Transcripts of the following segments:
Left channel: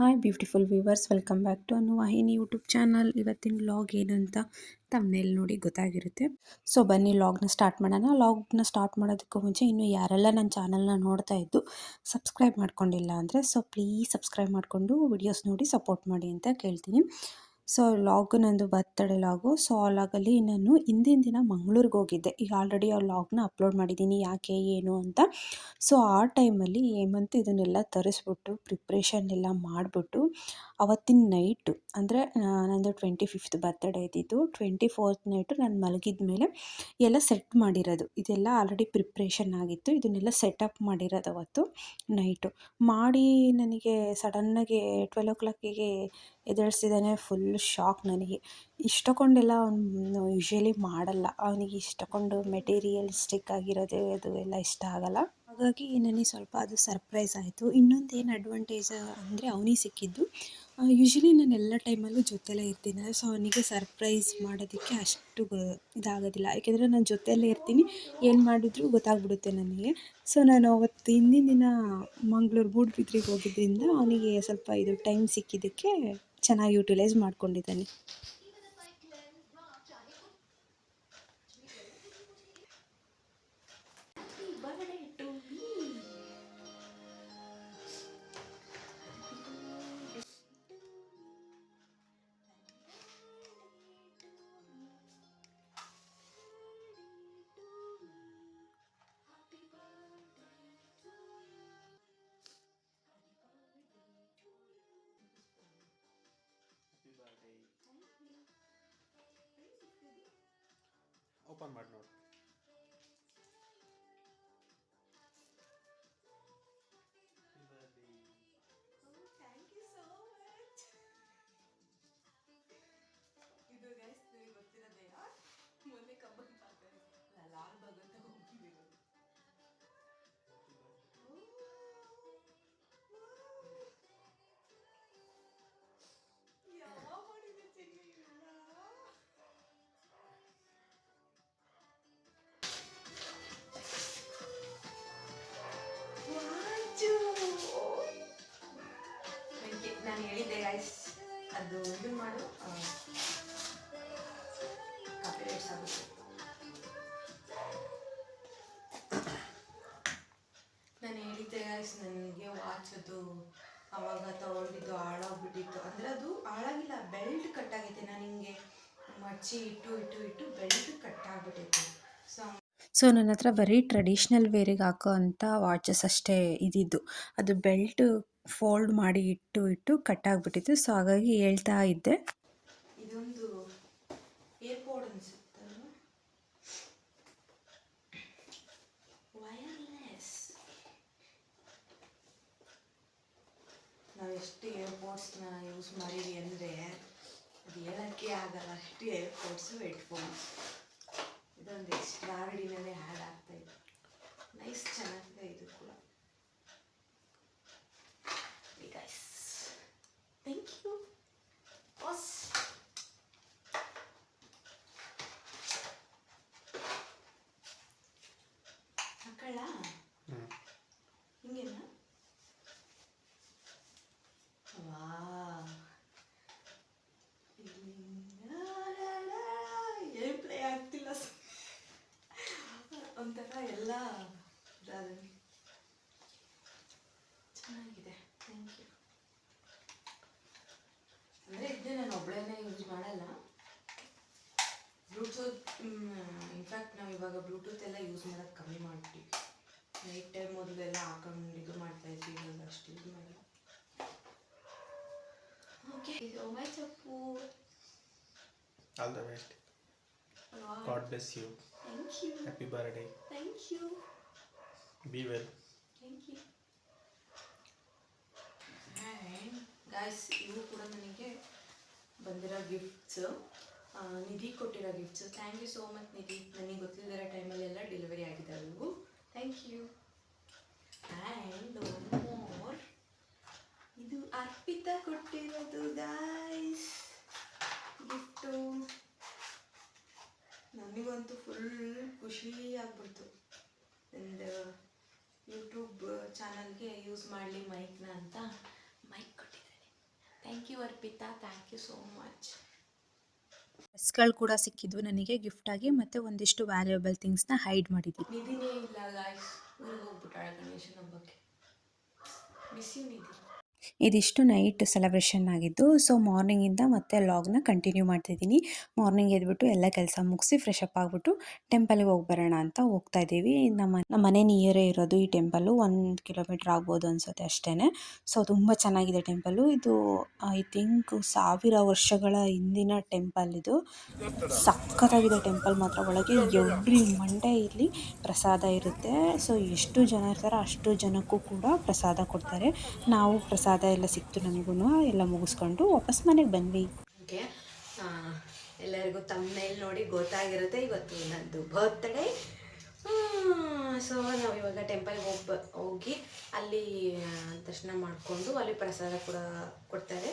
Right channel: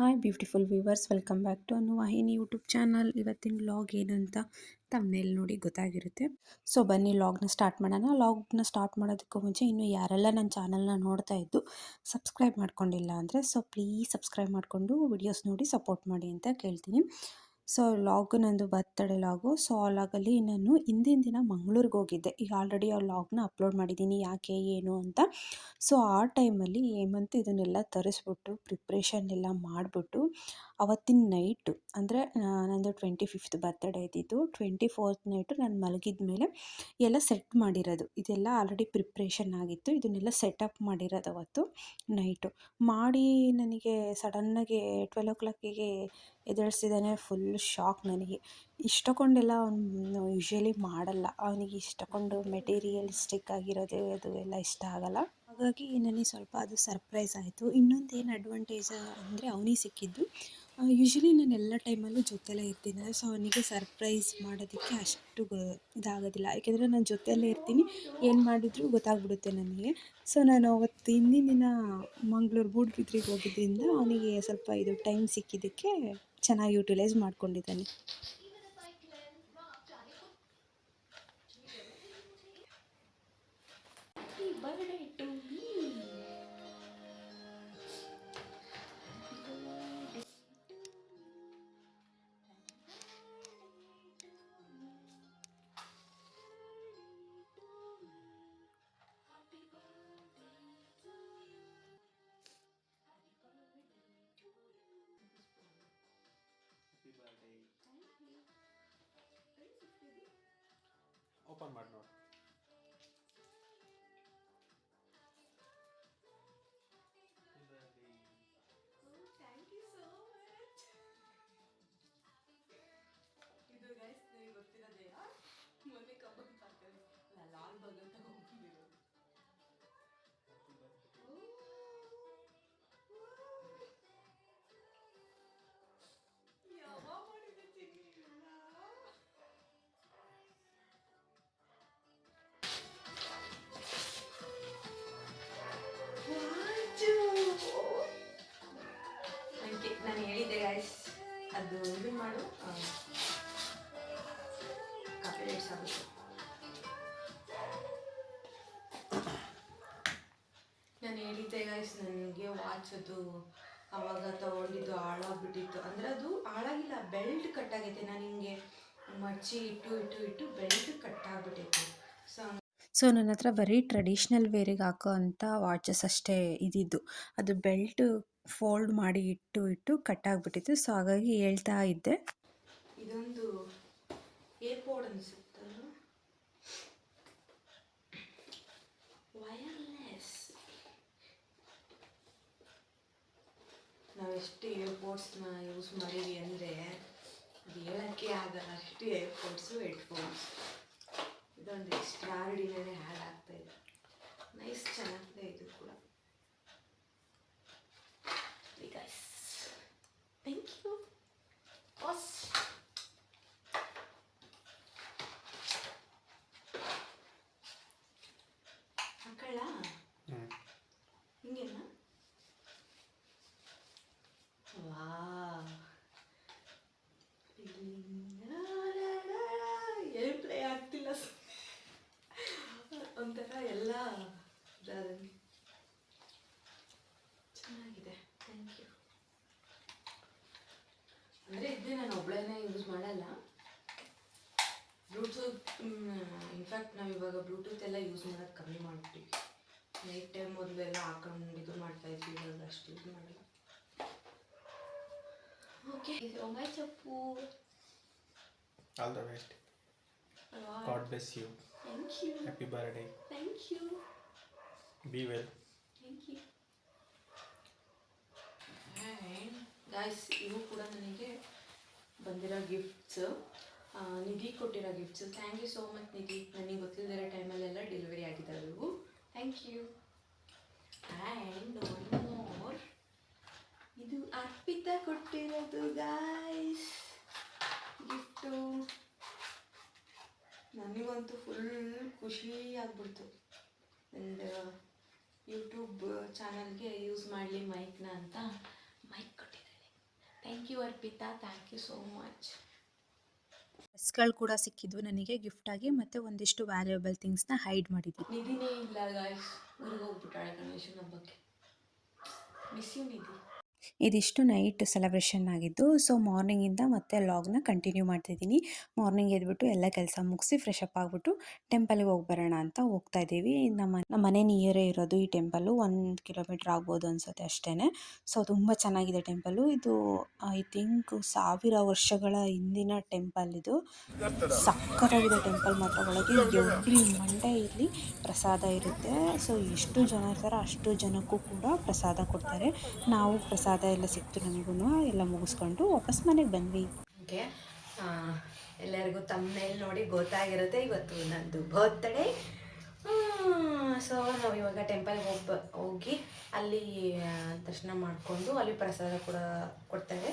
Hi beautiful viewers, welcome back to Anuvahini YouTube channel. ಇವತ್ತಿನ vlog ಏನಂತ ತಮ್ಮನೇಲಿ ನೋಡಿ ಗೊತ್ತಾಗಿರುತ್ತೆ. ಸೊ ಬನ್ನಿ ವ್ಲಾಗ್ನ ಸ್ಟಾರ್ಟ್ ಮಾಡೋಣ. ವ್ಲಾಗ್ನ ಸ್ಟಾರ್ಟ್ ಮಾಡೋದಕ್ಕೂ ಮುಂಚೆ ಇನ್ನೂ ಯಾರೆಲ್ಲ ನನ್ನ ಚಾನಲ್ನ ನೋಡ್ತಾ ಇದ್ದು ಸಬ್ಸ್ಕ್ರೈಬ್ ಮಾಡ್ಕೊಂಡಿಲ್ಲ ಅಂದರೆ ಪ್ಲೀಸ್ ಸಬ್ಸ್ಕ್ರೈಬ್ ಮಾಡಿಕೊಂಡು ವಿಡಿಯೋಸ್ ನೋಡಿ ಸಪೋರ್ಟ್ ಮಾಡಿ ಅಂತ ಕೇಳ್ತೀನಿ. ಸೊ ಲಾಗು ನಂದು ಬರ್ತಡೇ ಲಾಗು. ಸೊ ಆ ಲಾಗಲ್ಲಿ ನಾನು ಹಿಂದಿನ ದಿನ ಮಂಗಳೂರಿಗೆ ಹೋಗಿದ್ದೆ. ಈಗ ಆಲ್ರೆಡಿ ಆ ಲಾಗ್ನ ಅಪ್ಲೋಡ್ ಮಾಡಿದ್ದೀನಿ, ಯಾಕೆ ಏನು ಅಂತ. ಸೊ ಆ ಟೈಮಲ್ಲಿ ಹೇಮಂತ್ ಇದನ್ನೆಲ್ಲ ತರಿಸ್ಬಿಟ್ಟು ಪ್ರಿಪ್ರೇಷನ್ ಎಲ್ಲ ಮಾಡಿಬಿಟ್ಟು ಅವತ್ತಿನ ನೈಟು ಅಂದರೆ ನಂದು 25th ಬರ್ತ್ಡೇ ಇದ್ದಿದ್ದು. 24th ನೈಟು ನಾನು ಮಲಗಿದ ಮೇಲೆ ಎಲ್ಲ ಸೆಟ್ ಮಾಡಿರೋದು, ಇದೆಲ್ಲ ಆಲ್ರೆಡಿ ಪ್ರಿಪ್ರೇಷನ್ ಆಗಿತ್ತು. ಇದನ್ನೆಲ್ಲ ಸೆಟಪ್ ಮಾಡಿರೋದು ಅವತ್ತು ನೈಟು ಮಾಡಿ ನನಗೆ ಸಡನ್ನಾಗಿ 12 o'clock ಎದ್ದೇಳಿಸಿದ್ದಾನೆ. ಫುಲ್ ಶಾಕ್ ನನಗೆ. ಇಷ್ಟಕೊಂಡೆಲ್ಲ ಅವನು ಯೂಶ್ವಲಿ ಮಾಡಲ್ಲ, ಅವನಿಗೆ ಇಷ್ಟಕೊಂಡು ಮೆಟೀರಿಯಲಿಸ್ಟಿಕ್ ಆಗಿರೋದೇ ಅದು ಎಲ್ಲ ಇಷ್ಟ ಆಗಲ್ಲ. ಹಾಗಾಗಿ ನನಗೆ ಸ್ವಲ್ಪ ಅದು ಸರ್ಪ್ರೈಸ್ ಆಯಿತು. ಇನ್ನೊಂದು ಏನು ಅಡ್ವಾಂಟೇಜ್ ಅಂದರೆ ಅವನಿಗೆ ಸಿಕ್ಕಿದ್ದು, ಯೂಶ್ವಲಿ ನಾನು ಎಲ್ಲ ಟೈಮಲ್ಲೂ ಜೊತೆಲೇ ಇರ್ತೀನಿ. ಸೊ ಅವನಿಗೆ ಸರ್ಪ್ರೈಸ್ ಮಾಡೋದಕ್ಕೆ ಅಷ್ಟು ಇದಾಗೋದಿಲ್ಲ, ಯಾಕೆಂದರೆ ನಾನು ಜೊತೆಯಲ್ಲೇ ಇರ್ತೀನಿ, ಏನು ಮಾಡಿದ್ರು ಗೊತ್ತಾಗ್ಬಿಡುತ್ತೆ ನನಗೆ. ಸೊ ನಾನು ಅವತ್ತು ಹಿಂದಿನ ದಿನ ಮಂಗಳೂರು ಮೂಡುಬಿದ್ರೆಗೆ ಹೋಗಿದ್ದರಿಂದ ಅವನಿಗೆ ಸ್ವಲ್ಪ ಇದು ಟೈಮ್ ಸಿಕ್ಕಿದ್ದಕ್ಕೆ ಚೆನ್ನಾಗಿ ಯೂಟಿಲೈಸ್ ಮಾಡ್ಕೊಂಡಿದ್ದಾನೆ. ಓಪನ್ ಮಾಡಿ ನೋಡಿ. Thank you so much. ಇದು ಗೈಸ್ ನಿಮಗೆ ಗೊತ್ತಿರೋದೆಯಾ, ಮೊನ್ನೆ ಕಬ್ಬನ್ ಪಾರ್ಕಲ್ಲಿ ಲಾಲ್ ಬಾಗ್ ಅಂತ ಹೋಗ್ತಿರೋದು. ಯಾವ ಮಾಡಿದೆ ಚಿನ್ನಿ ಇಲ್ಲ. ನಾನು ಹೇಳಿದ್ದೆ ಗೈಸ್, ಅದು ಇದು ಮಾಡು, ಕಾಪಿರೈಟ್ಸ್ ಆಗುತ್ತೆ. ನಾನು ಹೇಳಿದ್ದೆ ಗೈಸ್, ನನಗೆ ವಾಚ್ ಅದು ಅವಾಗ ತಗೊಂಡಿದ್ದು ಹಾಳಾಗ್ಬಿಟ್ಟಿತ್ತು. ಅಂದರೆ ಅದು ಹಾಳಾಗಿಲ್ಲ, ಬೆಲ್ಟ್ ಕಟ್ಟಾಗೈತೆ. ನಾನು ಹಿಂಗೆ ಮಚ್ಚಿ ಇಟ್ಟು ಬೆಲ್ಟ್ ಕಟ್ಟಾಗ್ಬಿಟ್ಟೈತೆ. ಸೊ ನನ್ನ ಹತ್ರ ಬರೀ ಟ್ರೆಡಿಷ್ನಲ್ ವೇರಿಗೆ ಹಾಕೋ ಅಂಥ ವಾಚಸ್ ಅಷ್ಟೇ ಇದ್ದಿದ್ದು. ಅದು ಬೆಲ್ಟ್ ಫೋಲ್ಡ್ ಮಾಡಿ ಇಟ್ಟು ಕಟ್ಟಾಗ್ಬಿಟ್ಟಿತ್ತು. ಸೊ ಹಾಗಾಗಿ ಹೇಳ್ತಾ ಇದ್ದೆ. ಇದೊಂದು ಏರ್ಪೋರ್ಟ್ ಅನಿಸುತ್ತಲ್ಲ, ವಯರ್ಲೆಸ್. ನಾವೆಷ್ಟು ಏರ್ಪೋರ್ಟ್ಸ್ನ ಯೂಸ್ ಮಾಡಿದ್ವಿ ಅಂದರೆ ಅದು ಹೇಳೋಕ್ಕೆ ಆಗಲ್ಲ, ಅಷ್ಟು ಏರ್ಪೋರ್ಟ್ಸು ಹೆಡ್ಫೋನ್ಸ್. ಇದೊಂದು ಎಕ್ಸ್ಟ್ರಾರ್ಡಿನರಿ ಹ್ಯಾಡ್ ಆಗ್ತಾಯಿದೆ. ನೈಸ್, ಚೆನ್ನಾಗಿದೆ ಇದು ಕೂಡ. Guys thank you boss. ಹಾಕೊಳ್ಳ ಹಿಂಗೇನ? ವಾ, ಏನು ಪ್ಲೇ ಆಗ್ತಿಲ್ಲ, ಒಂಥರ ಎಲ್ಲ ಚೆನ್ನಾಗಿದೆ. Thank you. ಅಂದರೆ ಇದನ್ನೇ ನಾನು ಒಬ್ಬಳೇನೆ ಯೂಸ್ ಮಾಡಲ್ಲ, ಬ್ಲೂಟೂತ್. ಇನ್ಫ್ಯಾಕ್ಟ್ ನಾವು ಇವಾಗ ಬ್ಲೂಟೂತ್ ಎಲ್ಲ ಯೂಸ್ ಮಾಡೋದು ಕಮ್ಮಿ ಮಾಡ್ತೀವಿ. ನೈಟ್ ಟೈಮ್ ಮೊದಲೆಲ್ಲ ಹಾಕೊಂಡು ಇದು ಮಾಡ್ತಾಯಿದ್ವಿ, ಇವಾಗ ಅಷ್ಟು ಯೂಸ್ ಮಾಡಲ್ಲ. ಓಕೆ, ಮೈ ಚಪ್ಪು. All the best. God bless you. Thank you. Happy birthday. Thank you. Be well. Thank you. And guys, ಇವು ಕೂಡ ನನಗೆ ಬಂದಿರೋ ಗಿಫ್ಟ್ಸು, ನಿಧಿ ಕೊಟ್ಟಿರೋ gifts. Thank you so much Nidhi. ನನಗೆ ಗೊತ್ತಿಲ್ಲದಿರೋ ಟೈಮಲ್ಲೆಲ್ಲ ಡೆಲಿವರಿ ಆಗಿದ್ದಾವೆ ಇವು. Thank you. And one more, ಇದು ಅರ್ಪಿತಾ ಕೊಟ್ಟಿರೋದು ಗಾಯ್ಸ್ ಗಿಫ್ಟು. ನನಗಂತೂ ಫುಲ್ ಖುಷಿ ಆಗ್ಬಿಡ್ತು. ಆ್ಯಂಡ್ ಯೂಟ್ಯೂಬ್ ಚಾನಲ್ಗೆ ಯೂಸ್ ಮಾಡಲಿ ಮೈಕ್ನ ಅಂತ ಮೈಕ್ ಕೊಟ್ಟಿದ್ದಾರೆ. Arpita, thank you so much. ಡ್ರೆಸ್ಗಳು ಕೂಡ ಸಿಕ್ಕಿದ್ವು ನನಗೆ ಗಿಫ್ಟಾಗಿ, ಮತ್ತು ಒಂದಿಷ್ಟು ವ್ಯಾಲ್ಯೂಯಬಲ್ ಥಿಂಗ್ಸ್ನ ಹೈಡ್ ಮಾಡಿದ್ದೀನಿ. ನಿಧಿನೇ ಇಲ್ಲ ಗಾಯ್ಸ್, ಊರಿಗೆ ಹೋಗ್ಬಿಟ್ಟಾಳೆ ಗಣೇಶನ ಹಬ್ಬಕ್ಕೆ. ಮಿಸ್ ಯು ನಿಧಿ. ಇದಿಷ್ಟು ನೈಟ್ ಸೆಲೆಬ್ರೇಷನ್ ಆಗಿದ್ದು. ಸೊ ಮಾರ್ನಿಂಗಿಂದ ಮತ್ತೆ ಲಾಗ್ನ ಕಂಟಿನ್ಯೂ ಮಾಡ್ತಿದ್ದೀನಿ. ಮಾರ್ನಿಂಗ್ ಎದ್ಬಿಟ್ಟು ಎಲ್ಲ ಕೆಲಸ ಮುಗಿಸಿ ಫ್ರೆಶ್ ಅಪ್ ಆಗಿಬಿಟ್ಟು ಟೆಂಪಲ್ಗೆ ಹೋಗಿ ಬರೋಣ ಅಂತ ಹೋಗ್ತಾ ಇದ್ದೀವಿ. ನಮ್ಮ ಮನೆ ನಿಯರೇ ಇರೋದು ಈ ಟೆಂಪಲ್ಲು, 1 ಕಿಲೋಮೀಟ್ರ್ ಆಗ್ಬೋದು ಅನಿಸುತ್ತೆ ಅಷ್ಟೇ. ಸೊ ತುಂಬ ಚೆನ್ನಾಗಿದೆ ಟೆಂಪಲ್ಲು. ಇದು ಐ ಥಿಂಕ್ 1000 ವರ್ಷಗಳ ಹಿಂದಿನ ಟೆಂಪಲ್ ಇದು. ಸಖತ್ತಾಗಿದೆ ಟೆಂಪಲ್ ಮಾತ್ರ. ಒಳಗೆ ಎವ್ರಿ ಮಂಡೇ ಇಲ್ಲಿ ಪ್ರಸಾದ ಇರುತ್ತೆ. ಸೊ ಎಷ್ಟು ಜನ ಇರ್ತಾರೋ ಅಷ್ಟು ಜನಕ್ಕೂ ಕೂಡ ಪ್ರಸಾದ ಕೊಡ್ತಾರೆ. ನಾವು ಪ್ರಸಾದ ಎಲ್ಲ ಸಿಕ್ತು ನಮಗೂ. ಎಲ್ಲ ಮುಗಿಸ್ಕೊಂಡು ವಾಪಸ್ ಮನೆಗೆ ಬಂದ್ವಿ. ಓಕೆ, ಎಲ್ಲರಿಗೂ ತಮ್ಮನೇಲಿ ನೋಡಿ ಗೊತ್ತಾಗಿರುತ್ತೆ ಇವತ್ತು ನನ್ನದು ಬರ್ತ್ಡೇ. ಸೊ ನಾವು ಇವಾಗ ಟೆಂಪಲ್ಗೆ ಹೋಗಿ ಅಲ್ಲಿ ದರ್ಶನ ಮಾಡಿಕೊಂಡು ಅಲ್ಲಿ ಪ್ರಸಾದ ಕೂಡ ಕೊಡ್ತಾರೆ.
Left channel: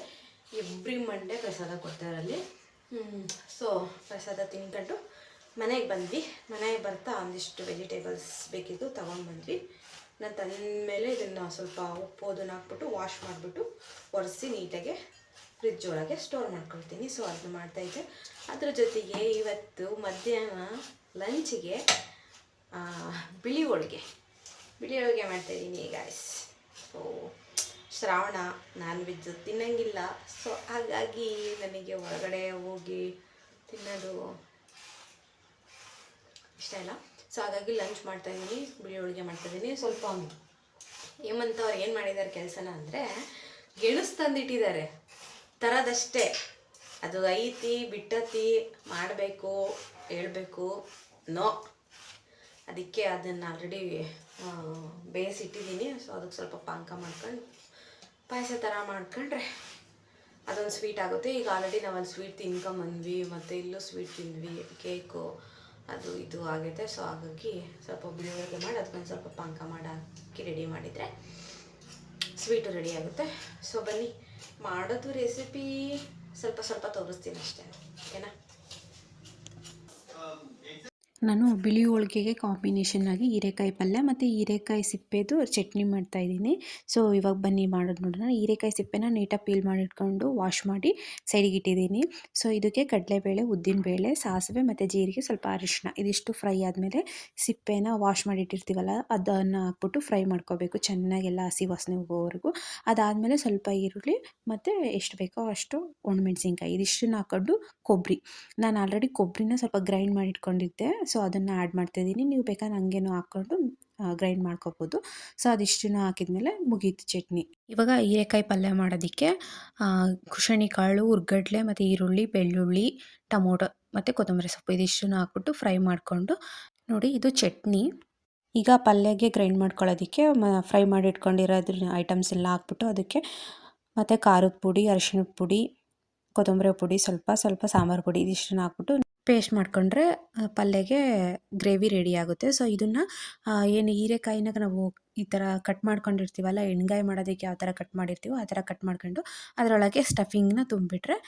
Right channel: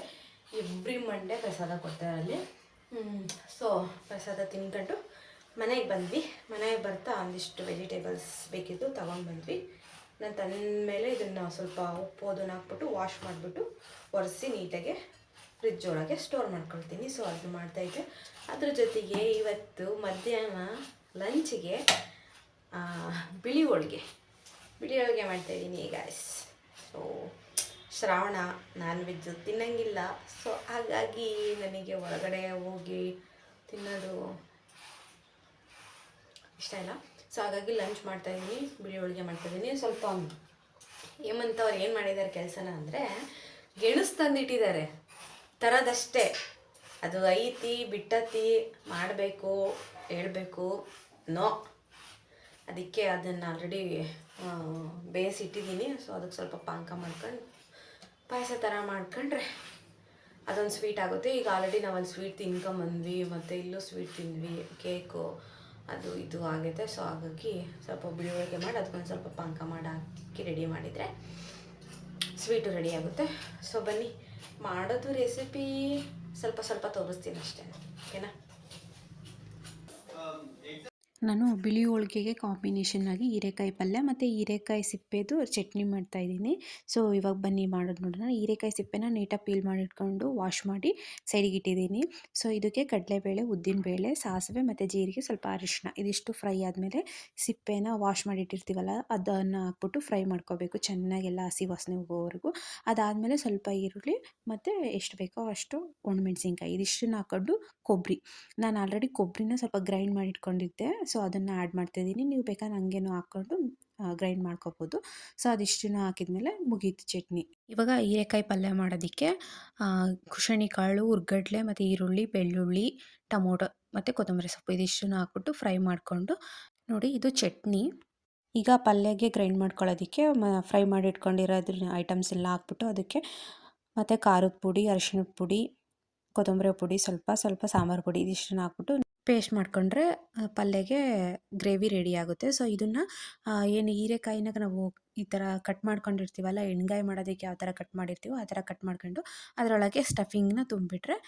ಎವ್ರಿ ಮಂಡೇ ಪ್ರಸಾದ ಕೊಡ್ತಾರೆ ಅಲ್ಲಿ. ಸೊ ಪ್ರಸಾದ ತಿನ್ಕೊಂಡು ಮನೆಗೆ ಬಂದ್ವಿ. ಮನೆಗೆ ಬರ್ತಾ ಒಂದಿಷ್ಟು ವೆಜಿಟೇಬಲ್ಸ್ ಬೇಕಿದ್ದು ತೊಗೊಂಡ್ಬಂದ್ವಿ. ನಾನು ತಂದಮೇಲೆ ಇದನ್ನು ಸ್ವಲ್ಪ ಉಪ್ಪು ಅದನ್ನು ಹಾಕ್ಬಿಟ್ಟು ವಾಶ್ ಮಾಡಿಬಿಟ್ಟು ಒರೆಸಿ ನೀಟಾಗಿ ಫ್ರಿಜ್ ಒಳಗೆ ಸ್ಟೋರ್ ಮಾಡ್ಕೊಳ್ತೀನಿ. ಸೊ ಅದನ್ನು ಮಾಡ್ತಾಯಿದ್ದೆ. ಅದ್ರ ಜೊತೆಗೆ ಇವತ್ತು ಮಧ್ಯಾಹ್ನ ಲಂಚಿಗೆ ಬಿಳಿ ಹೋಳಿಗೆ ಮಾಡ್ತಾಯಿದ್ದೀನಿ guys. So Shravana non veg ತಿನ್ನಂಗಿಲ್ಲ. ಸೊ ಹಾಗಾಗಿ ನನಗೆ ಹೊರಗಡೆ ಹೋಗಿ ತಿನ್ನೋದು ಇಷ್ಟ ಇಲ್ಲ. ಸೊ ಹಾಗಾಗಿ ಲಂಚ್ ಮಾಡ್ತಾಯಿದ್ದೀನಿ, ಬಿಳಿ ಹೋಳಿಗೆ ಮಾಡ್ತಾಯಿದ್ದೀನಿ. ಸ್ವಲ್ಪ ಹೇಮಂತ್ ಅವ್ರು ಏನು ಮಾಡಿದ್ದಾರೆ ಕೆಲಸನ ಅಂದರೆ, ಗೆಣಸು ತಂದಿಟ್ಟಿದ್ದಾರೆ ತರೋದಷ್ಟೇ. ಅದು ಐತಿ ಬಿಟ್ಟತಿ ಮಾಡಬೇಕು ಹೇಳಬೇಕು ನೋ, ಅದಕ್ಕೆ ಅದನ್ನು ಆಲ್ರೆಡಿ ಬೇಯಿಸಿಟ್ಟಿದ್ದೀನಿ. ಸೊ ಅದಕ್ಕೆ ಸ್ವಲ್ಪ ಪಾನಕ ಮಾಡ್ಕೊಂಡು ಪಾಯಸ ಥರ ಮಾಡ್ಕೊಂಡ್ರೆ ಅದೊಂದು ಸ್ವೀಟ್ ಆಗುತ್ತೆ. ಈಗ ಆಲ್ರೆಡಿ ನಾವೊಂದು ಸ್ವೀಟ್ ತಿನ್ಕೊಂಬಂದ್ವಿ, ಮತ್ತು ಇಲ್ಲೂ ಸ್ವೀಟ್ ತಿಂದ್ವಿ, ಕೇಕು ಅದು ಇದು ಆಗೈತೆ. ಸೊ ಹಾಗಾಗಿ ಸ್ವಲ್ಪ ಬಿಳಿ ಹೋಳಿಗೆ ಮಾಡಿ ಅದಕ್ಕೊಂದು ಸ್ವಲ್ಪ ಪಾನಕ ಮಾಡಿ ಹಾಕಿ ರೆಡಿ ಮಾಡಿದರೆ ಸ್ವೀಟು ರೆಡಿ ಆಗುತ್ತೆ. ಸೊ ಬನ್ನಿ ಮಾಡೋದು ರೆಸಿಪಿ ಸ್ವಲ್ಪ ತೋರಿಸ್ತೀನಿ ಅಷ್ಟೇ, ಓಕೆನಾ. ನಾನು ಬಿಳಿ ಹೋಳಿಗೆಗೆ ಕಾಂಬಿನೇಷನ್ನಾಗಿ ಹೀರೆಕಾಯಿ ಪಲ್ಯ ಮತ್ತು ಹೀರೆಕಾಯಿ ಸಿಪ್ಪೆದು ಚಟ್ನಿ ಮಾಡ್ತಾಯಿದ್ದೀನಿ. ಸೊ ಇವಾಗ ಬನ್ನಿ ಮಾಡೋದು ನೋಡೋಣ. ಹೀರೆಕಾಯಿ ಸಿಪ್ಪೆನ ನೀಟಾಗಿ ಪೀಲ್ ಮಾಡಿಟ್ಕೊಂಡು ವಾಶ್ ಮಾಡಿ ಸೈಡಿಗೆ ಇಟ್ಟಿದ್ದೀನಿ. ಸೊ ಇದಕ್ಕೆ ಕಡಲೆಬೇಳೆ, ಉದ್ದಿನಬೇಳೆ, ಸಾಸಿವೆ ಮತ್ತು ಜೀರಿಗೆ, ಸ್ವಲ್ಪ ಅರಿಶಿನ ಇದಿಷ್ಟು ಫ್ರೈ ಆದಮೇಲೆ ಸಿಪ್ಪೆನ ವಾಶ್ ಮಾಡಿಟ್ಟಿರ್ತೀವಲ್ಲ ಅದನ್ನು ಹಾಕ್ಬಿಟ್ಟು ಫ್ರೈ ಮಾಡ್ಕೋಬೇಕು ಚೆನ್ನಾಗೆಲ್ಲ ಹಸಿ ವಾಸನೆ ಹೋಗೋವರೆಗೂ. ಅದಾದಮೇಲೆ ಸ್ವಲ್ಪ ಈರುಳ್ಳಿ ಮತ್ತು ಎಷ್ಟು ಬೇಕೋ ಅಷ್ಟು ಒಣಮೆಣ್ಸಿನ್ಕಾಯಿ ಇದಿಷ್ಟನ್ನು ಹಾಕ್ಕೊಂಡು ಕೊಬ್ಬರಿ, ನಾನು ಆಲ್ರೆಡಿ ಕೊಬ್ಬರಿನ ಸ್ವಲ್ಪ ಗ್ರೈಂಡ್ ಮಾಡಿ ಇಟ್ಕೊಂಡಿದ್ದೆ. ಸೊ ಅದನ್ನು ಆ್ಯಡ್ ಮಾಡ್ತಾಯಿದ್ದೀನಿ. ನೀವು ಬೇಕಾದ್ರೆ ಹಂಗೇನೂ ಹಾಕ್ಕೊಂಡು ಗ್ರೈಂಡ್ ಮಾಡ್ಕೋಬೋದು. ಸೊ ಅದಿಷ್ಟನ್ನು ಹಾಕಿದ್ಮೇಲೆ ಮುಗೀತು ಚಟ್ನಿ. ಇವಾಗ ಹೀರೆಕಾಯಿ ಪಲ್ಯ ಮಾಡೋದಕ್ಕೆ ಕುಶಣಿ ಕಾಳು, ಹುರ್ಗಡ್ಲೆ ಮತ್ತು ಈರುಳ್ಳಿ, ಬೆಳ್ಳುಳ್ಳಿ, ಟೊಮೊಟೊ ಮತ್ತು ಕೊತ್ತಂಬರಿ ಸೊಪ್ಪು ಇದಿಷ್ಟನ್ನು ಹಾಕ್ಬಿಟ್ಟು ಫ್ರೈ ಮಾಡಿಕೊಂಡು ನೋಡಿ ಇದು ಚಟ್ನಿ. ಈಗ ಪಲ್ಯಗೆ ಗ್ರೈಂಡ್ ಮಾಡ್ಕೊಳ್ಳೋದಕ್ಕೆ ಫ್ರೈ ಮಾಡಿ ಇಟ್ಕೊಂಡಿರೋದ್ರ ಐಟಮ್ಸ್ ಎಲ್ಲ ಹಾಕ್ಬಿಟ್ಟು ಅದಕ್ಕೆ ಮತ್ತು ಖಾರದ ಪುಡಿ, ಅರಿಶಿಣದ ಪುಡಿ, ಕೊತ್ತಂಬರಿ ಪುಡಿ, ಸ್ವಲ್ಪ ಸಾಂಬಾರು ಪುಡಿ ಇದಿಷ್ಟನ್ನು ಹಾಕ್ಬಿಟ್ಟು ಪೇಸ್ಟ್ ಮಾಡಿಕೊಂಡ್ರೆ ಪಲ್ಯಗೆ ಗ್ರೇವಿ ರೆಡಿ ಆಗುತ್ತೆ. ಸೊ ಇದನ್ನು ಏನು ಹೀರೆಕಾಯಿನ ನಾವು ಈ ಥರ ಕಟ್ ಮಾಡ್ಕೊಂಡಿರ್ತೀವಲ್ಲ, ಎಣ್ಗಾಯಿ ಮಾಡೋದಕ್ಕೆ ಯಾವ ಥರ ಕಟ್ ಮಾಡಿರ್ತೀವೋ ಆ ಥರ ಕಟ್ ಮಾಡ್ಕೊಂಡು ಅದರೊಳಗೆ ಸ್ಟಫಿಂಗ್ನ ತುಂಬಿಬಿಟ್ರೆ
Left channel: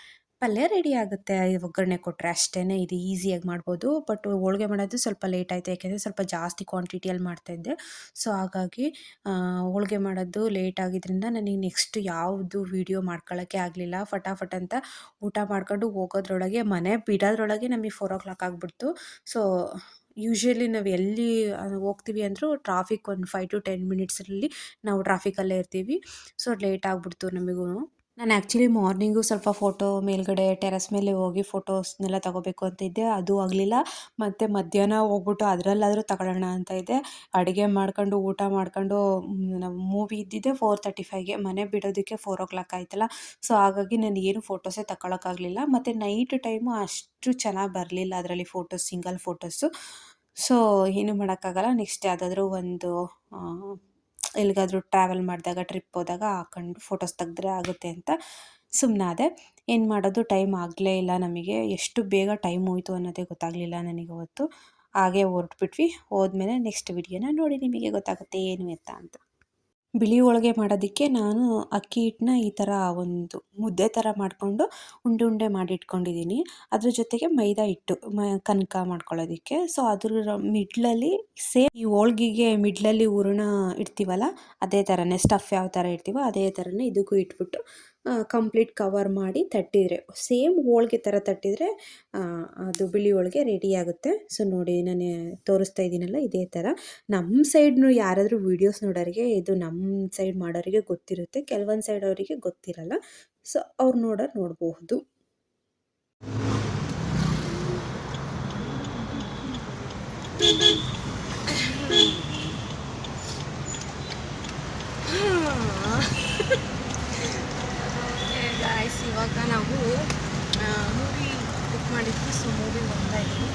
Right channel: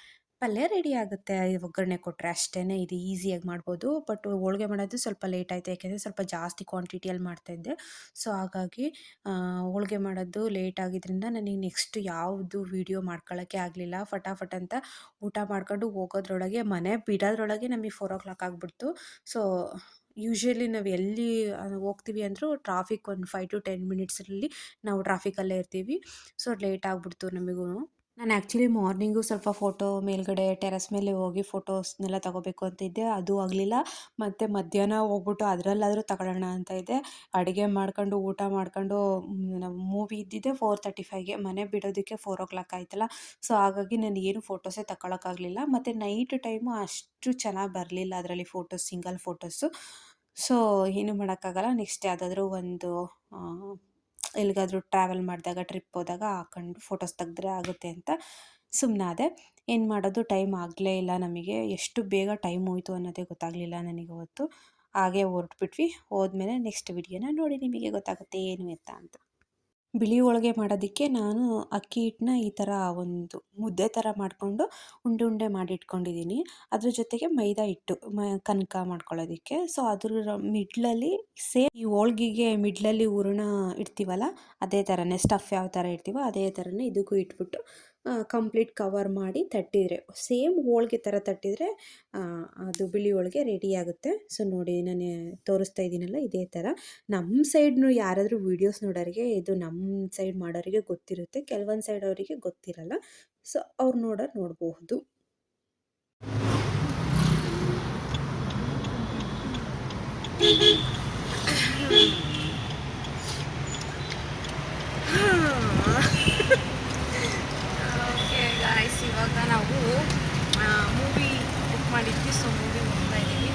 ಪಲ್ಯ ರೆಡಿ ಆಗುತ್ತೆ. ಒಗ್ಗರಣೆ ಕೊಟ್ಟರೆ ಅಷ್ಟೇ. ಇದು ಈಸಿಯಾಗಿ ಮಾಡ್ಬೋದು. ಬಟ್ ಹೋಳಿಗೆ ಮಾಡೋದು ಸ್ವಲ್ಪ ಲೇಟ್ ಆಯಿತು, ಯಾಕೆಂದರೆ ಸ್ವಲ್ಪ ಜಾಸ್ತಿ ಕ್ವಾಂಟಿಟಿಯಲ್ಲಿ ಮಾಡ್ತಾಯಿದ್ದೆ. ಸೊ ಹಾಗಾಗಿ ಹೋಳಿಗೆ ಮಾಡೋದು ಲೇಟ್ ಆಗಿದ್ದರಿಂದ ನನಗೆ ನೆಕ್ಸ್ಟ್ ಯಾವುದು ವೀಡಿಯೋ ಮಾಡ್ಕೊಳ್ಳೋಕ್ಕೆ ಆಗಲಿಲ್ಲ. ಫಟಾಫಟ್ ಅಂತ ಊಟ ಮಾಡ್ಕೊಂಡು ಹೋಗೋದ್ರೊಳಗೆ ಮನೆ ಬಿಡೋದ್ರೊಳಗೆ ನಮಗೆ 4 o'clock ಆಗಿಬಿಡ್ತು. ಸೊ ಯೂಶ್ವಲಿ ನಾವು ಎಲ್ಲಿ ಹೋಗ್ತೀವಿ ಅಂದರೂ ಟ್ರಾಫಿಕ್ ಒಂದು 5 to 10 ಮಿನಿಟ್ಸಲ್ಲಿ ನಾವು ಟ್ರಾಫಿಕಲ್ಲೇ ಇರ್ತೀವಿ. ಸೊ ಲೇಟ್ ಆಗಿಬಿಡ್ತು ನಮಗೂ. ನಾನು ಆ್ಯಕ್ಚುಲಿ ಮಾರ್ನಿಂಗು ಸ್ವಲ್ಪ ಫೋಟೋ ಮೇಲ್ಗಡೆ ಟೆರೆಸ್ ಮೇಲೆ ಹೋಗಿ ಫೋಟೋಸ್ನೆಲ್ಲ ತೊಗೋಬೇಕು ಅಂತ ಇದ್ದೆ, ಅದು ಆಗಲಿಲ್ಲ. ಮತ್ತು ಮಧ್ಯಾಹ್ನ ಹೋಗ್ಬಿಟ್ಟು ಅದರಲ್ಲಾದರೂ ತಗೊಳ್ಳೋಣ ಅಂತ ಇದ್ದೆ. ಅಡುಗೆ ಮಾಡ್ಕೊಂಡು ಊಟ ಮಾಡ್ಕೊಂಡು ನಾವು ಮೂವಿ ಇದ್ದಿದ್ದೆ 4:35ಗೆ, ಮನೆ ಬಿಡೋದಕ್ಕೆ 4 o'clock ಆಯ್ತಲ್ಲ. ಸೊ ಹಾಗಾಗಿ ನಾನು ಏನು ಫೋಟೋಸೇ ತಗೊಳಕ್ಕಾಗಲಿಲ್ಲ. ಮತ್ತು ನೈಟ್ ಟೈಮು ಅಷ್ಟು ಚೆನ್ನಾಗಿ ಬರಲಿಲ್ಲ ಅದರಲ್ಲಿ ಫೋಟೋಸ್, ಸಿಂಗಲ್ ಫೋಟೋಸು. ಸೊ ಏನೂ ಮಾಡೋಕ್ಕಾಗಲ್ಲ. ನೆಕ್ಸ್ಟ್ ಯಾವುದಾದ್ರೂ ಒಂದು ಎಲ್ಲಿಗಾದರೂ ಟ್ರಾವೆಲ್ ಮಾಡಿದಾಗ, ಟ್ರಿಪ್ ಹೋದಾಗ ಹಾಕೊಂಡು ಫೋಟೋಸ್ ತೆಗೆದ್ರೆ ಆಗುತ್ತೆ ಅಂತ ಸುಮ್ಮನಾದೆ. ಏನು ಮಾಡೋದು, ಟೈಮ್ ಆಗಲೇ ಇಲ್ಲ ನಮಗೆ. ಎಷ್ಟು ಬೇಗ ಟೈಮ್ ಹೋಯಿತು ಅನ್ನೋದೇ ಗೊತ್ತಾಗಲಿಲ್ಲ ನನಗೆ ಅವತ್ತು. ಹಾಗೆ ಹೊರಟ್ಬಿಟ್ವಿ. ಹೋದ್ಮೇಲೆ ನೆಕ್ಸ್ಟ್ ವಿಡಿಯೋನ ನೋಡಿ ನಿಮಗೆ ಗೊತ್ತಾಗುತ್ತೆ ಏನು ಎತ್ತ ಅಂತ. ಬಿಳಿ ಹೋಳಿಗೆ ಮಾಡೋದಕ್ಕೆ ನಾನು ಅಕ್ಕಿ ಹಿಟ್ಟನ್ನ ಈ ಥರ ಒಂದು ಮುದ್ದೆ ಥರ ಮಾಡಿಕೊಂಡು ಉಂಡೆ ಮಾಡಿ ಇಟ್ಕೊಂಡಿದ್ದೀನಿ. ಅದ್ರ ಜೊತೆಗೆ ಮೈದಾ ಹಿಟ್ಟು ಕನಕ ಮಾಡ್ಕೊಳ್ಳೋದಕ್ಕೆ. ಸೊ ಅದ್ರ ಮಿಡ್ಲಲ್ಲಿ ಸೇಮ್ ಈ ಹೋಳ್ಗೆಗೆ ಮಿಡ್ಲಲ್ಲಿ ಹೂರಣ ಇಡ್ತೀವಲ್ಲ ಅದೇ ಥರನೇ, ಸ್ಟಫ್ ಯಾವ ಥರ ಇಡ್ತೀವೋ ಅದೇ ಥರನೇ ಇದಕ್ಕೂ ಇಟ್ಬಿಟ್ಟು ಕಂಪ್ಲೀಟ್ ಕವರ್ ಮಾಡಿ ತಟ್ಟಿದರೆ ಸೇಮ್ ಹೋಳಿಗೆ ಥರ ತಟ್ಟಿದರೆ ಅದು ಬಿಳಿ ಹೋಳಿಗೆ ರೆಡಿ ಆಗುತ್ತೆ. ಸೊ ನೋಡಿ ನಾನು ತೋರಿಸ್ತಾ ಇದ್ದೀನಲ್ಲ ಇದೇ ಥರ. ನಮ್ಮ ಸೈಡ್ನು ಯಾರಾದರೂ ವೀಡಿಯೋಸ್ ನೋಡೋರಿಗೆ ಇದು ನಮ್ಮ ಸೈಡ್ ಮಾಡೋರಿಗೆ ಗೊತ್ತಿರುತ್ತೆ, ಕೆಲವೊಂದು ಸೈಡ್ ಅವರಿಗೆ ಗೊತ್ತಿರಲ್ಲ. ಸೊ ಅವ್ರು ನೋಡಬಹುದು. ಓಕೆ ಗಾಯ್ಸ್, ಇವಾಗ ನಾವು ಮೂವಿ ಬುಕ್ ಮಾಡಿದ್ವಿ. ಸೊ ಮೂವಿಗೆ ಹೋಗ್ತಾ ಇದ್ದೀವಿ.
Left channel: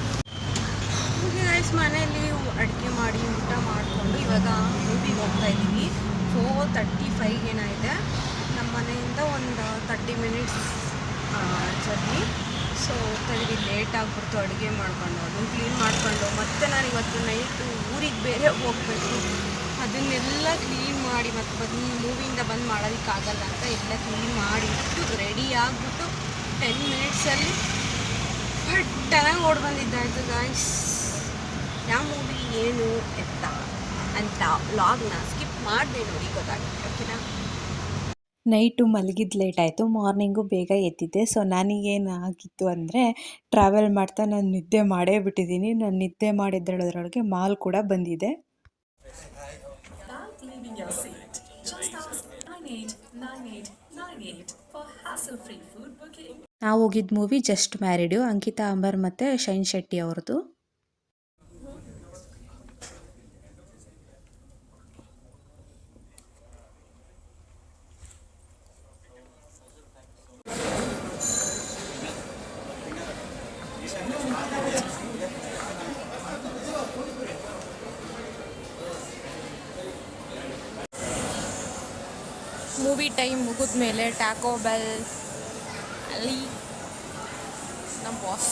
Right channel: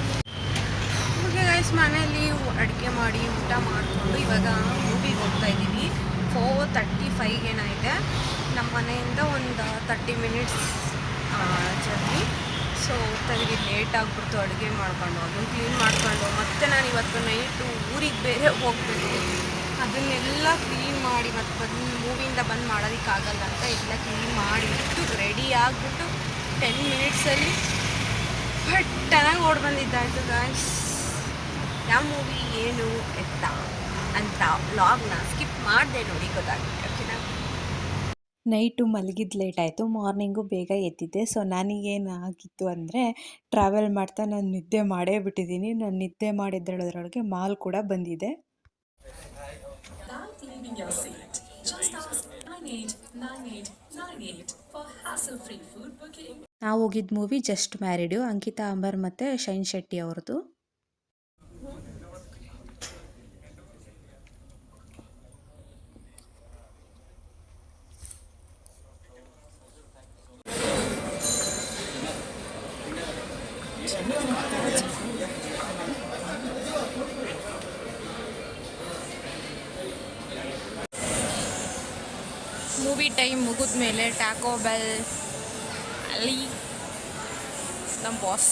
ಓಕೆ ಗಾಯ್ಸ್, ಮನೆಯಲ್ಲಿ ಅಡುಗೆ ಮಾಡಿ ಊಟ ಮಾಡಿಕೊಂಡು ಇವಾಗ ಮೂವಿಗೆ ಹೋಗ್ತಾ ಇದ್ದೀವಿ. 4:35 ಏನಾಗಿದೆ. ನಮ್ಮ ಮನೆಯಿಂದ ಒಂದು 30 ಮಿನಿಟ್ಸ್ ಜರ್ನಿ. ಸೊ ಹೋಗ್ತಾ ಇದ್ದೀವಿ. ಲೇಟ್ ಆಗಿಬಿಡ್ತು ಅಡುಗೆ ಮಾಡ್ಕೊಂಡು, ಅದನ್ನು ಕ್ಲೀನ್ ಮಾಡ್ಕೊಂಡು, ಮತ್ತು ನಾನು ಇವತ್ತು ನೈಟು ಊರಿಗೆ ಬೇರೆ ಹೋಗಬೇಕು. ಅದನ್ನೆಲ್ಲ ಕ್ಲೀನ್ ಮಾಡಿ ಮತ್ತು ಮೂವಿಯಿಂದ ಬಂದು ಮಾಡೋದಕ್ಕಾಗಲ್ಲ ಅಂತ ಎಲ್ಲ ಕ್ಲೀನ್ ಮಾಡಿಬಿಟ್ಟು ರೆಡಿ ಆಗಿಬಿಟ್ಟು 10 ಮಿನಿಟ್ಸಲ್ಲಿ ಫಟ್ಟನಾಗಿ ಓಡಿ ಬಂದಿದ್ದಾಯಿತು ಗಾಯ್ಸ್. ಯಾವ ಮೂವಿ ಏನು ಎತ್ತ ಅಂತ ವ್ಲಾಗ್ನ ಸ್ಕಿಪ್ ಮಾಡಿದೆ ನೋಡಿ, ಗೊತ್ತಾಗುತ್ತೆ. ಓಕೆನಾ? ನೈಟು ಮಲಗಿದ್ದು ಲೇಟ್ ಆಯಿತು, ಮಾರ್ನಿಂಗು ಬೇಗ ಎದ್ದಿದ್ದೆ. ಸೊ ನನಗೇನಾಗಿತ್ತು ಅಂದರೆ ಟ್ರಾವೆಲ್ ಮಾಡ್ತಾ ನಾನು ನಿದ್ದೆ ಮಾಡೇ ಬಿಟ್ಟಿದ್ದೀನಿ. ನಾನು ನಿದ್ದೆ ಮಾಡಿದ್ದರೊಳಗೆ ಮಾಲ್ ಕೂಡ ಬಂದಿದೆ. ನಾವು ಹೋಗಿದ್ದ ಮೂವಿ ಜಸ್ಟ್ ಮ್ಯಾರಿಡು, ಅಂಕಿತಾ ಅಂಬರ್ ಮತ್ತು ಶೈನ್ ಶೆಟ್ಟಿ ಅವ್ರದ್ದು. ಮೂವಿ ಟೈಮ್ ಮುಗಿದ ಮೇಲೆ ಟ್ಯಾಕೋ ಬೆಲ್ ಅಲ್ಲಿ ನಮ್ಮ ಬಾಸ್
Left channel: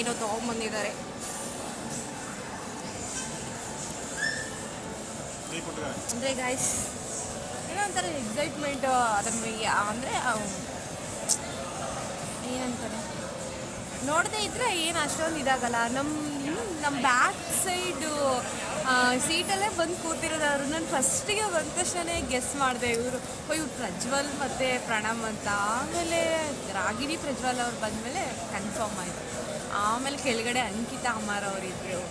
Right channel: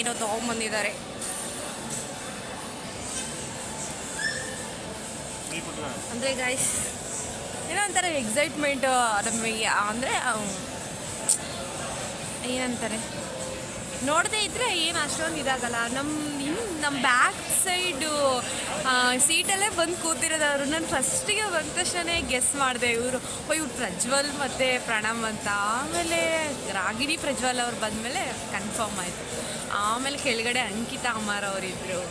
ಏನೋ ತೊಗೊಂಬಂದಿದ್ದಾರೆ. ಅಂದರೆ ಗಾಯ್ಸ್ ಏನೋ ಒಂಥರ ಎಕ್ಸೈಟ್ಮೆಂಟ್. ಅದನ್ನು ಅಂದರೆ ಏನಂತಾರೆ, ನೋಡದೇ ಇದ್ದರೆ ಏನು ಅಷ್ಟೊಂದು ಇದಾಗಲ್ಲ. ನಮ್ಮ ಬ್ಯಾಕ್ ಸೈಡು ಸೀಟಲ್ಲೇ ಬಂದು ಕೂತಿರೋದು ಅವರು. ನಾನು ಫಸ್ಟಿಗೆ ಬಂದ ತಕ್ಷಣ ಗೆಸ್ ಮಾಡಿದೆ ಇವರು ಪ್ರಜ್ವಲ್ ಮತ್ತು ಪ್ರಣಮ್ ಅಂತ. ಆಮೇಲೆ ರಾಗಿಣಿ ಪ್ರಜ್ವಲ್ ಅವ್ರು ಬಂದಮೇಲೆ ಕನ್ಫರ್ಮ್ ಆಯಿತು. ಆಮೇಲೆ ಕೆಳಗಡೆ ಅಂಕಿತಾ ಅಮರ್ ಅವರಿದ್ದರು.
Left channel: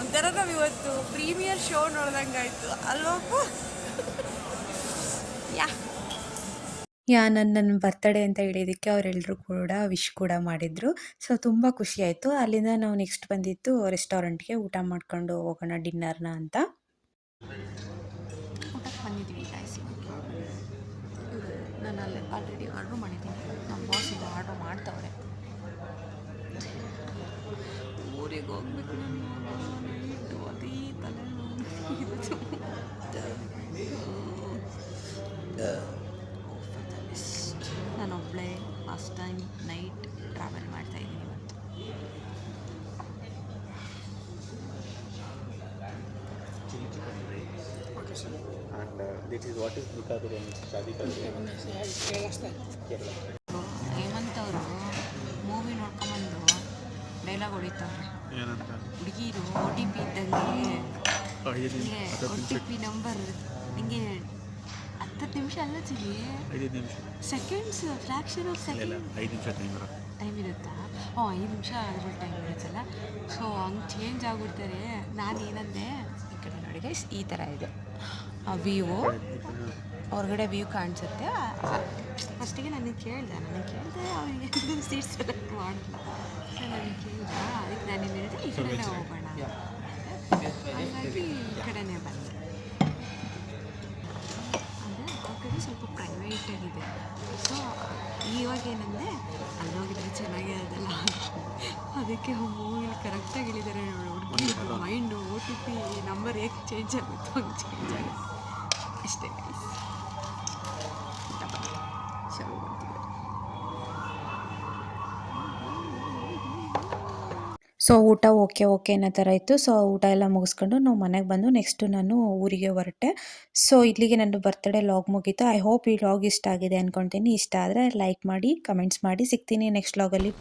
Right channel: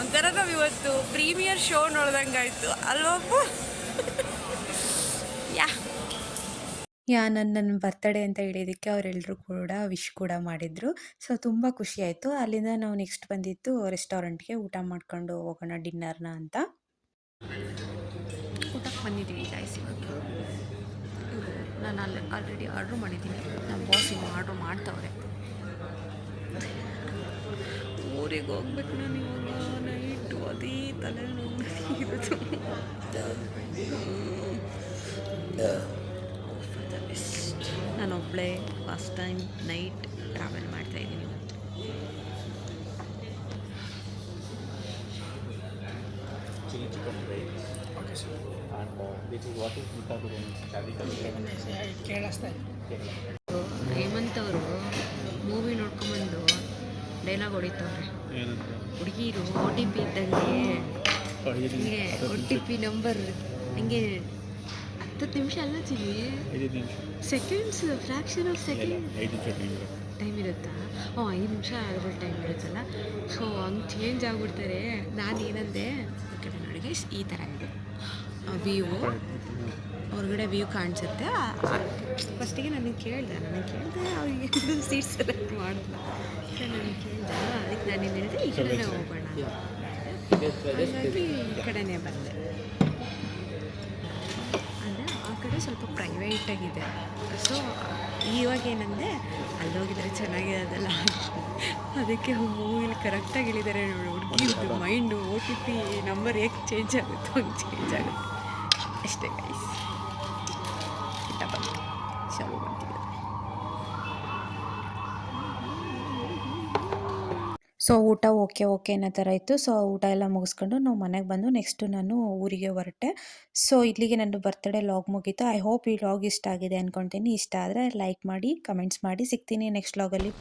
ಒಂಥರ ನಾವು ಇವತ್ತು ಪ್ರೀಮಿಯರ್ ಶೋ ನೋಡ್ದಂಗೆ ಆಯಿತು ಅಲ್ವಪ್ಪ. ನನ್ನ ಬರ್ತ್ಡೇ ಅಂತ ಹೇಳಿದ್ದಕ್ಕೆ ಅವರೆಲ್ಲರೂ ಕೂಡ ವಿಶ್ ಕೂಡ ಮಾಡಿದರು. ಸೊ ತುಂಬ ಖುಷಿ ಆಯಿತು. ಅಲ್ಲಿಂದ ನಾವು ನೆಕ್ಸ್ಟ್ ಬಂದಿದ್ದು ರೆಸ್ಟೋರೆಂಟ್ಗೆ ಊಟ ಮಾಡ್ಕೊಂಡು ಹೋಗೋಣ ಡಿನ್ನರ್ನ ಅಂತ. ಊಟಕ್ಕೆ ಬಂದಿದ್ದೀವಿ ಗಾಯ್ಸ್. ಇವಾಗ ನಾನು ಆಲ್ರೆಡಿ ಆರ್ಡ್ರ್ ಮಾಡಿದ್ದೀನಿ. ನಮ್ಮ ಬಾಸ್ ಇನ್ನು ಆರ್ಡ್ರ್ ಮಾಡ್ತವ್ರೆ. ಊರಿಗೆ ಹೋಗ್ಬೇಕು ನಾನು ಇವಾಗ. ನೈಟು ಅದೇ ತಲೆನೋವು ಇರೋದು. ನಾನೊಬ್ಬಳೇ ಫಸ್ಟ್ ಟೈಮ್ ನೈಟ್ ಟ್ರಾವೆಲ್ ಮಾಡ್ತಾಯಿದ್ದೀನಿ ಇವತ್ತು. Chili chicken rice. Okay, sir. And this is what is Mita Biryani? Shadi Kerala. Hemant ಅವರು ಮೂವಿ ನೋಡ್ಕೊಂಬಂದು ಡೈಲಾಗ್ ಹೊಡಿತವ್ರೆ. ಹುಡುಗಿರು OTP ಇದ್ದಂಗೆ ನಿಮಗೆ OTP ನಂಬರ್ ನಿಮಗೆ 10 ನಿಮಿಷ ಅಲ್ಲ ಚಿಗಿ, 5 ನಿಮಿಷ ಸೆಕೆಂಡ್ಸ್, ಫ್ರ್ಯಾಕ್ಷನ್ ಆಫ್ ಸೆಕೆಂಡ್ 5 ನಿಮಿಷ ಟೈಮ್ ಇರುತ್ತಾ? 5 ನಿಮಿಷ ಅದ್ರಲ್ಲಿ ಟೈಮ್ ಇರುತ್ತಲ್ಲ. ಸೊ ಹಂಗೆ ಚೇಂಜ್ ಆಗಿಬಿಡ್ತಾರೆ. ನಾನು ಏನಂದೆ, ಓಕೆ ನೋಡಿ ಗೈಸ್, ಈ ಥರ ಇದೆ ವ್ಯೂ, ಹೊರಗಡೆ ವ್ಯೂ ಕಾಣಿಸುತ್ತೆ. ಫಸ್ಟಿಗೆ ನನಗೆ ಕೇಳಿದೆ ಅವರಿಗೆ ಸೀಟ್ ಸೆಲೆಕ್ಟ್ ಮಾಡಲ್ಲ. ಸೊ ನನಗೆ ಕೇಳಿದೆ, ಅದಕ್ಕೆ ನಾನು ಏನು ಹೇಳಿದೆ, ಈ ಕಡೆನೇ ಹೋಗೋಣ. ಹಾಗಾಗಿ ಈ ಕಡೆನೇ ಬಂದೆ. ಅಂದರೆ ಆ ಕಡೆ ಸ್ವಲ್ಪ ಪ್ರೈವೇಟಾಗಿದೆ. ಸೊ ಇವಾಗ ಏನಂದರೆ ಅಲ್ಲೋಗಿದ್ರೆ ಚೆನ್ನಾಗಿರೋದಲ್ಲ, ಅದಕ್ಕೆ ಮೂವಿಲಿ ಕರೆಕ್ಟಾಗಿ ಹೇಳಿದ್ದಾರೆ ನೋಡಿ. ಹುಡುಗಿದು ಮೈಂಡು OTP ನಂಬರ್ ಹೇಗೆ ಚೇಂಜ್ ಆಗುತ್ತೋ ಹಂಗೆ ಚೇಂಜ್ ಆಗುತ್ತೆ ಅಷ್ಟೇ ಗೈಸ್. ಊಟ ಬಂತು, ಶಾಲೆ ಬಂತಿದೆ. ಸೊ ಊಟ ಓಕೆ ಅನ್ನೋ ಥರ ಇತ್ತು. ಸೊ ಊಟ ಎಲ್ಲ ಮುಗಿಸ್ಕೊಂಡು ನಾವು ಮನೆಗೆ ಬಂದು ನೆಕ್ಸ್ಟು ನಾನು ಊರಿಗೆ ಹೊರಟೆ. ಸೊ ಇಲ್ಲಿಗೆ ನನ್ನ ಬರ್ತ್ಡೇ ಲಾಗ್ ಮುಗೀತು. ಐ ಹೋಪ್ ಈ ಲಾಗ್ ಇಷ್ಟ ಆಗಿದೆ ಅಂದ್ಕೊತೀನಿ. ಇಷ್ಟ ಆದರೆ ಲೈಕ್ ಮಾಡಿ, ಕಮೆಂಟ್ಸ್ ಮಾಡಿ. ಸಿಗ್ತೀನಿ ನೆಕ್ಸ್ಟ್ ಲಾಗಲ್ಲಿ.